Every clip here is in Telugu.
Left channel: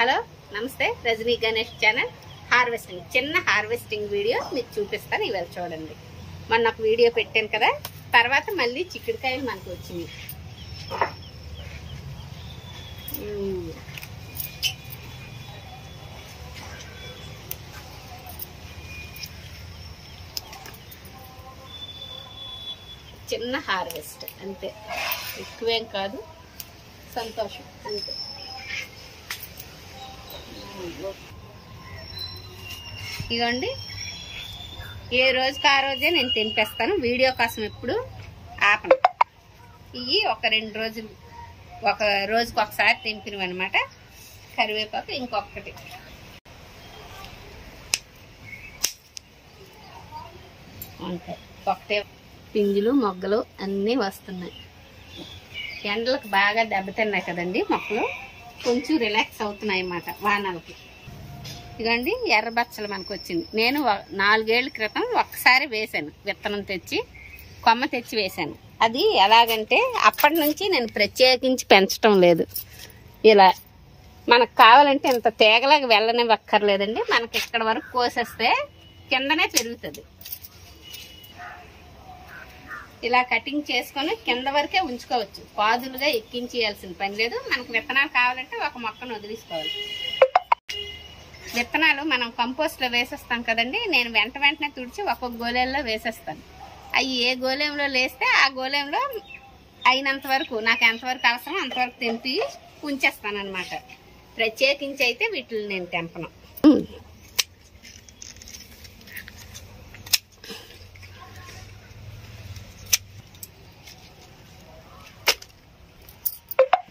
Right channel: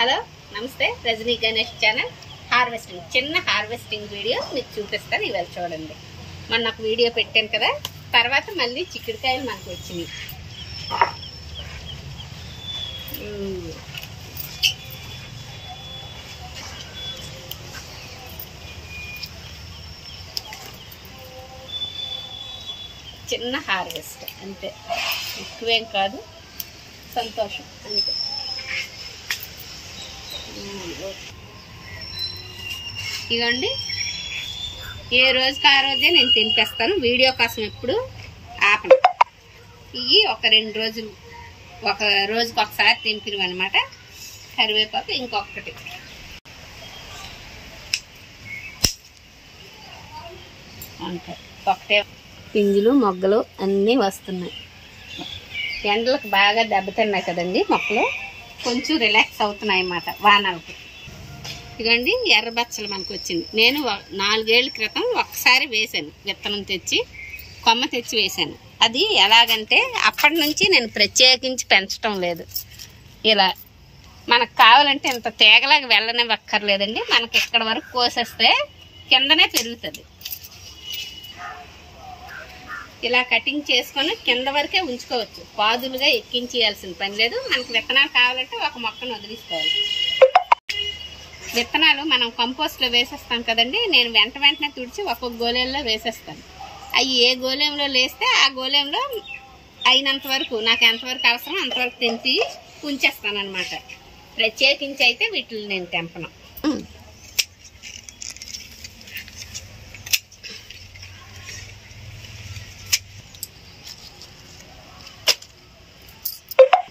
హలో నమస్తే రజనీ గణేష్ ఛానల్ హార్వెస్టింగ్ చిన్న హార్వెస్టింగ్ వీడియో మీకు చూపిస్తాను ఇవాళ చూడండి. మొన్న ఒక వీడియో పెట్టాను కదా, తర్వాత మళ్ళీ చిక్కుడుకాయలు మనకు వచ్చినాయి. చిన్న హార్వెస్ట్ అంతే, ఎక్కువేం కాదు, సంతోషం అంతే. ఇదిగోండి, ఏ రోజుకి ఆ రోజే నేను తెంపేస్తాను, వీడియో కోసం ఎప్పుడు ఆపను. ఇవి ఒక 2 రోజులు, ఒక రోజుకి ఒకసారి తెంపినవి అనమాట. కరివేపాకు ఇంకొకటి, అంతే. ఒకటే పింజులు మొగ్గలు అన్నీ వస్తున్నాయి. ఎండలకు బాగా దెబ్బతిన్నాయి కదండి మొక్కలు, కొంచెం రిలాక్స్ అవుతున్నాయి అన్నమాట వానలకి. ఇదిగోండి ఎర్ర బచ్చలు మనకు వచ్చింది. నేను 4 ఏళ్ల క్రితం ఒక్కసారి వేసాను, విత్తనం తెచ్చి కొమ్మ తెచ్చి వేసాను. అది ఎలాగంటే అప్పటి నుంచి నేను ప్రత్యేకించి పెంచడం లేదు. ఇలా మనకు కావాలంటే ఇంత తీగలాగా వెళ్ళనివ్వక్కర్లేదండి, మనకి ఇక్కడ వరకు కోసేస్తే కిందనే పెరుగుతుంది. ఇలా కటింగ్ చేసుకొని కింద వరకే ఉంచుకోవచ్చు, పాదులుగా ఎక్కించేయాల్సిన పని లేదు. మనకు విత్తనాలు కావాలంటే ఒక మొక్కను వదిలించుకోవాలి. విత్తనాలు మనం కంపోస్ట్లో వేసేస్తాం కదండి, నేను వెంటనే తుడిచి ఒక్కొక్క గోళంలో వేసేస్తాను. అవి ఏ గోళంలో వేస్తే ఆ గోళంలో అయినంత వరకు, నాకు ఎంతవరకు అవసరం అంతవరకు తెంపి ఉంచేస్తాను అనమాట. ప్రత్యేకించి అయితే వీటిని నేను తెంపను.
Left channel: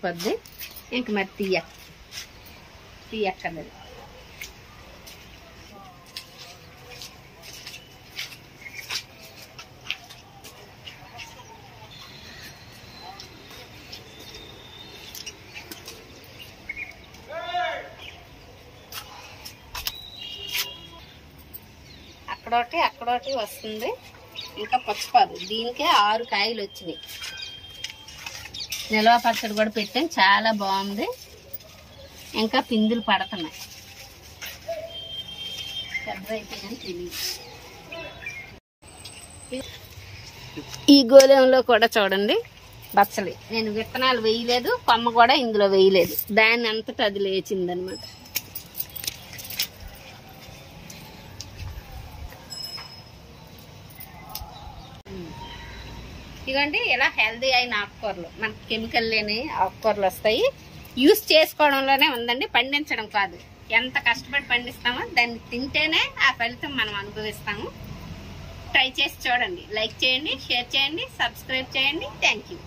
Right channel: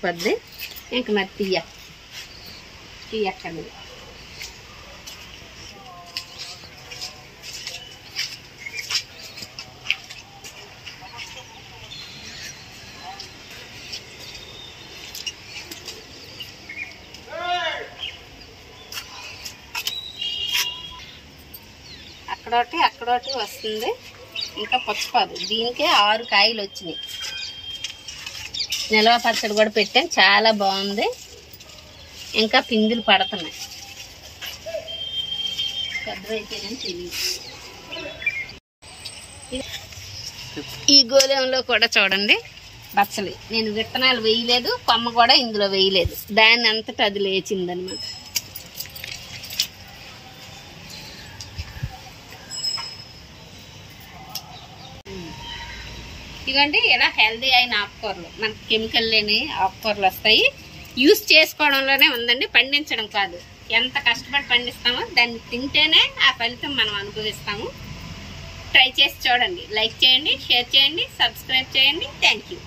పద్ది ఇంక మరి తీయక్కర్లేదు. అక్కడోటి వస్తుంది, ఇంకా పుచ్చపాదు. దీనికే 6 కాయలు వచ్చినాయి. నిల్వ పచ్చడి కూడా పెట్టాను, చాలా బాగుంది. ఇంకా పిందులు పడుతున్నాయి, పెద్దవైతే కానీ తెలియదు. ఈ గోళంలో కూడా చూడండి బచ్చలి, నేను విత్తనాలు వేయలేదు, కొమ్మ కూడా ఇందులో వేయలేదు, దాన్ని అంతటా అది లేచిందనమాట. ఇదిగోండి ఇలా హెల్దీ అయిన ఆకుకూరలు, మనకి కెమికల్ లేని ఆకుకూరలు వస్తాయి. యూస్ చేసుకోవడంలోనే ఉందండి, పండించడం కాదు. ఎంత కష్టపడి పండిస్తామో దాన్ని తింటేనే ఆ ఫలితం మనం అనుభవిస్తాము. ట్రై చేసి చూడండి, లైక్ చేయండి, షేర్ చేయండి, సబ్స్క్రైబ్ చేయండి. Thank you.